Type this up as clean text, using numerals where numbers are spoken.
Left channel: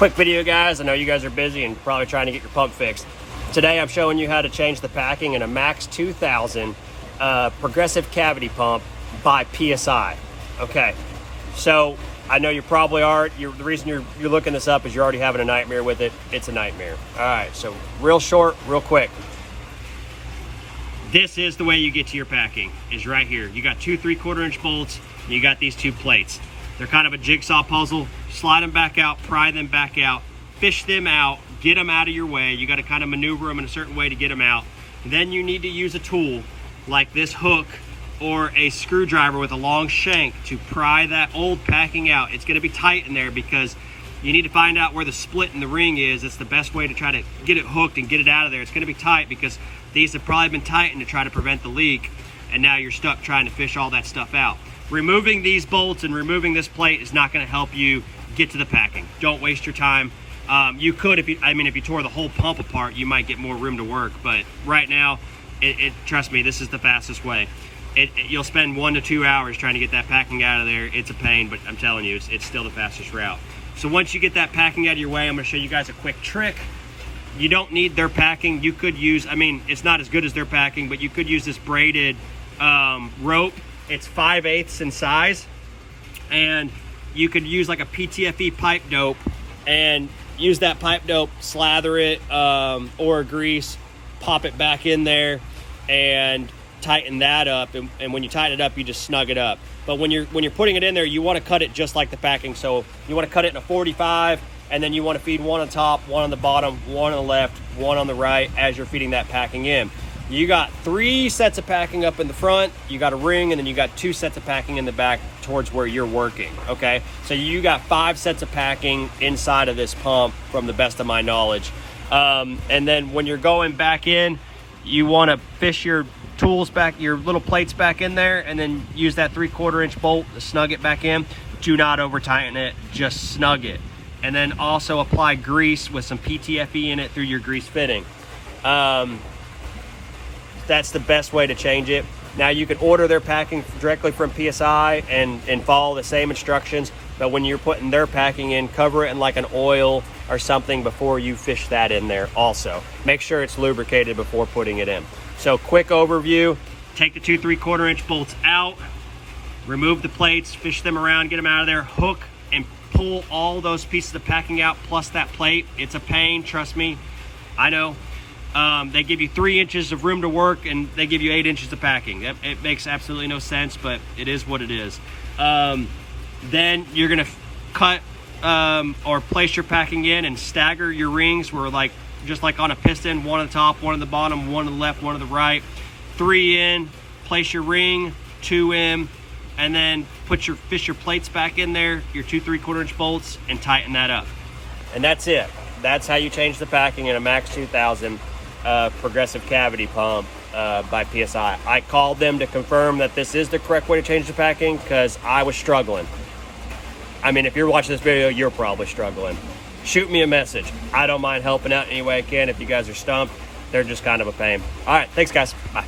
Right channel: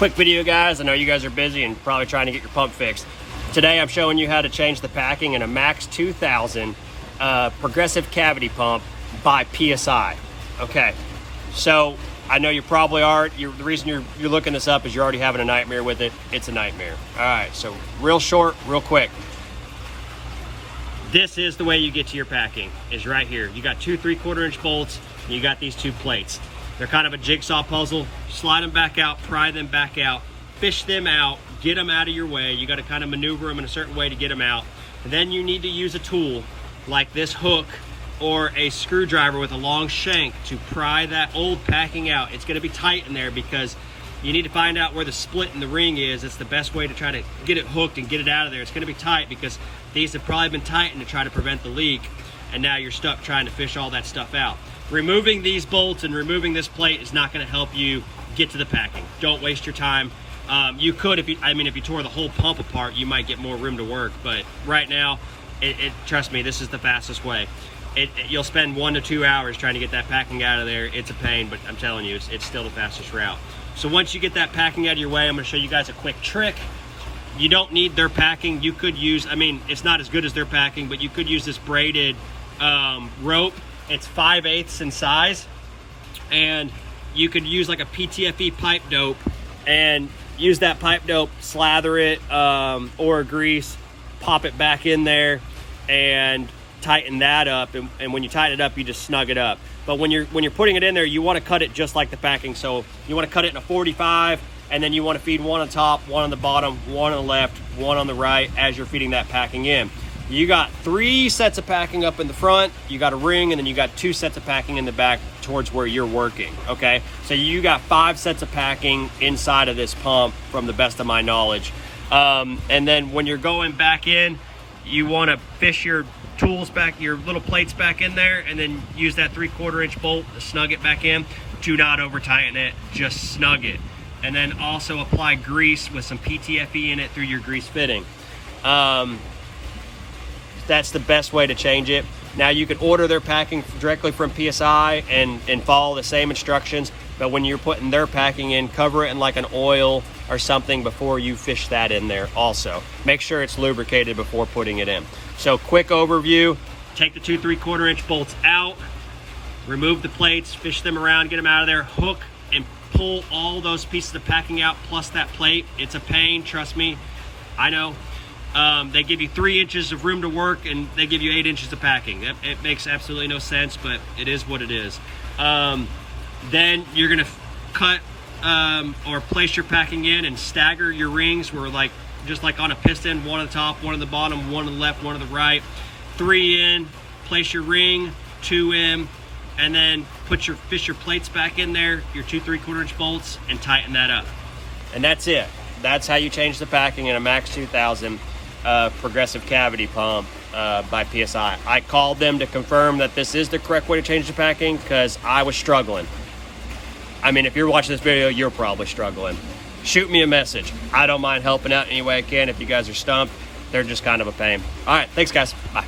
Quick video, guys. I know you guys are busy and probably trying to get your pump fixed. Today I'm showing you how to change the packing in a Max2000 progressive cavity pump by PSI. Okay, so I know you probably are. The reason you're looking this up is you're already having a nightmare with it. It's a nightmare. All right, so real short, real quick. This is the way you get to your packing, is right here. You got two 3/4 inch bolts, and you got these two plates. They're kind of a jigsaw puzzle. Slide them back out, pry them back out, fish them out, get them out of your way. You got to kind of maneuver them in a certain way to get them out. And then you need to use a tool like this hook or a screwdriver with a long shank to pry that old packing out. It's going to be tight in there because you need to find out where the split in the ring is. It's the best way to try to get it hooked and get it out of there. It's going to be tight because these have probably been tightened to try to prevent the leak, and now you're stuck trying to fish all that stuff out. Removing these bolts and removing this plate is not going to help you get to the packing. Don't waste your time. You could, if you tore the whole pump apart, you might get more room to work, but right now, trust me, this is the fastest way. You'll spend 1 to 2 hours trying to get that packing out of there. It's a pain, but I'm telling you, it's still the fastest route. So once you get that packing out of your way, I'm going to show you guys a quick trick. You don't need their packing. You could use, it's not as good as their packing, but you could use this braided rope. It's 5/8 in size, and you could use like a PTFE pipe dope and use that pipe dope, slather it or grease, pop it back in there, and tighten that up. And when you tighten it up, you just snug it up. But when you're putting it in there, you want to cut it just like the packing. So you want to cut it in a 45, and then you want to feed one on top, one on the bottom, one on the left, one on the right as you're feeding that packing in. You got 3 sets of packing up in the front, you got a ring, and then you got 2 sets of packing in the back towards where you're working, okay? So you got 5 sets of packing inside of this pump from the best of my knowledge. And then when you're going back in, you wanna fish your tools back, your little plates back in there, and then use that 3/4 inch bolt to snug it back in. Do not over tighten it, just snug it. And then also apply grease with some PTFE in it through your grease fitting. That's the best way to change it. Now you can order their packing directly from PSI and follow the same instructions, but when you're putting their packing in, cover it in like an oil or something before you fish that in there also. Make sure it's lubricated before putting it in. So quick overview, take the 2 3/4 inch bolts out, remove the plates, fish them around, get them out of there, hook and pull all those pieces of packing out plus that plate. It's a pain, trust me, I know. They give you 3 inches of room to work and they give you 8 inches of packing. It makes absolutely no sense, but it is what it is. Then you're gonna cut or place your packing in and stagger your rings where just like on a piston, 1 on the top, 1 on the bottom, 1 on the left, 1 on the right. 3 in, place your ring, 2 in, and then fish your plates back in there, your 2 3/4 inch bolts, and tighten that up. And that's it. That's how you change the packing in a Max2000 progressive cavity pump by PSI. I called them to confirm that this is the correct way to change the packing because I was struggling. If you're watching this video, you're probably struggling. Shoot me a message. I don't mind helping out any way I can if you guys are stumped. They're just kind of a pain. All right, thanks guys, bye.